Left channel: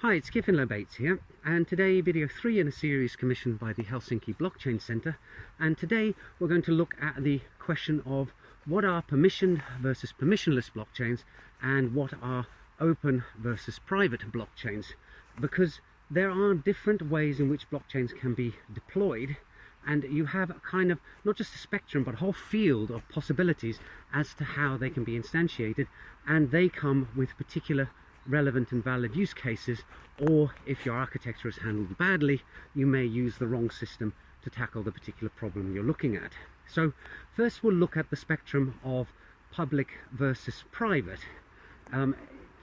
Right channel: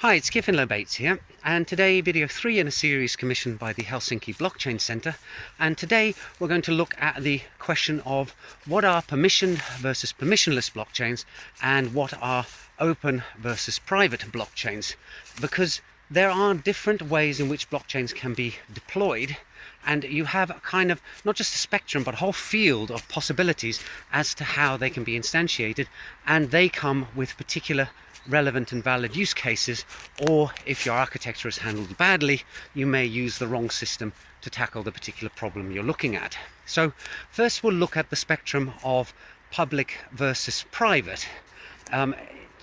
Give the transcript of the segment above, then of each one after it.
Hi, it's Kiffin Bates here, and today video 3 in a series commissioned by the Helsinki Blockchain Center. And today we're going to look at the question of what are permissioned versus permissionless blockchains and what are open versus private blockchains, because there are different ways in which blockchains can be deployed, and you have kind of not just a spectrum but a whole field of possibilities as to how they can be instantiated, and they come with particular relevant and valid use cases, or if your architecture is handled badly, you may use the wrong system to tackle the particular problem you're looking at. So first we'll look at the spectrum of public versus private.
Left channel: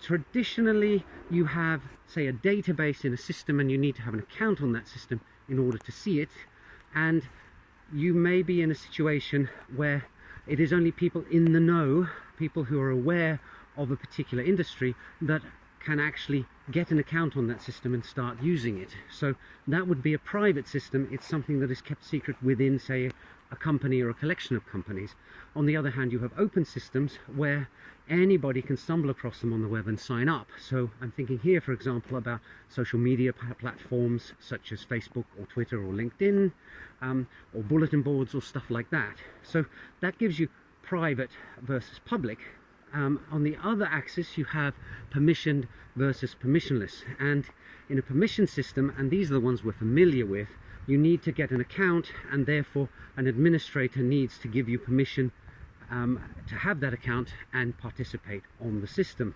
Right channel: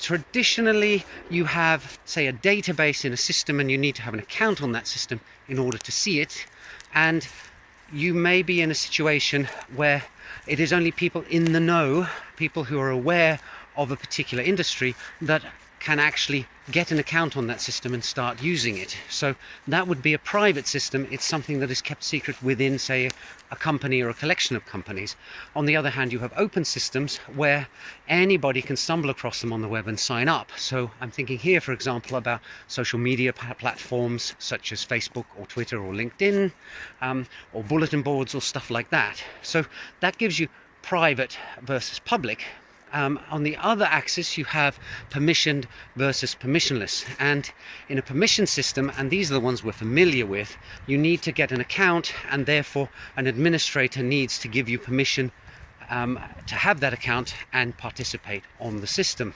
Traditionally, you have, say, a database in a system and you need to have an account on that system in order to see it, and you may be in a situation where it is only people in the know, people who are aware of a particular industry, that can actually get an account on that system and start using it. So that would be a private system. It's something that is kept secret within, say, a company or a collection of companies. On the other hand, you have open systems where anybody can stumble across them on the web and sign up. So I'm thinking here, for example, about social media platforms such as Facebook or Twitter or LinkedIn, or bulletin boards or stuff like that. So that gives you private versus public. On the other axis, you have permissioned versus permissionless. And in a permission system, and these are the ones we're familiar with, you need to get an account, and therefore an administrator needs to give you permission to have that account and participate on the system.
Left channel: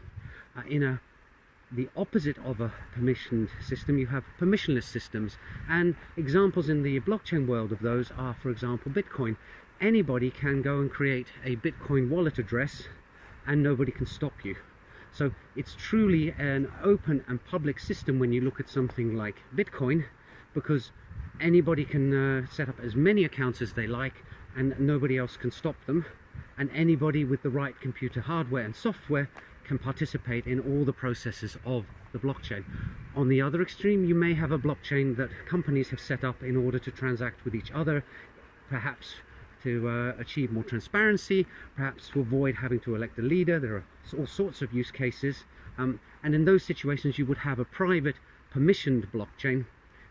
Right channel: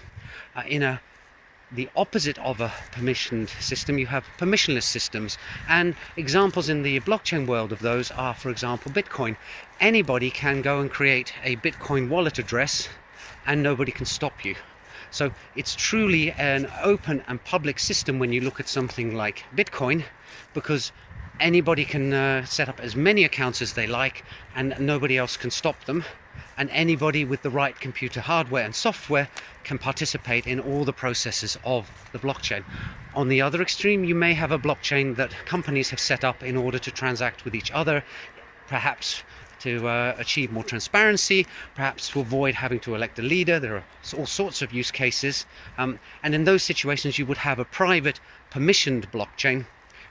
The opposite of a permissioned system, you have permissionless systems, and examples in the blockchain world of those are, for example, Bitcoin. Anybody can go and create a Bitcoin wallet address and nobody can stop you. So it's truly an open and public system when you look at something like Bitcoin, because anybody can set up as many accounts as they like and nobody else can stop them, and anybody with the right computer hardware and software can participate in all the processes of the blockchain. On the other extreme, you may have a blockchain that companies have set up in order to transact with each other, perhaps to achieve more transparency, perhaps to avoid having to elect a leader. There are all sorts of use cases, and in those situations you would have a private permissioned blockchain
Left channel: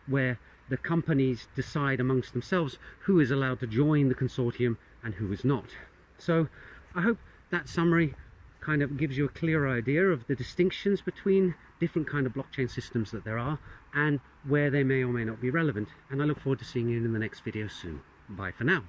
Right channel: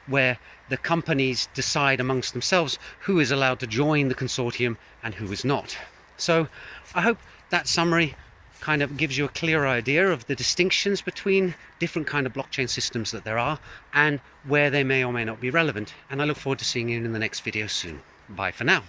where the companies decide amongst themselves who is allowed to join the consortium and who is not. So I hope that summary kind of gives you a clear idea of the distinctions between different kind of blockchain systems that there are and where they may or may not be relevant, and I look forward to seeing you in the next video soon. Bye for now.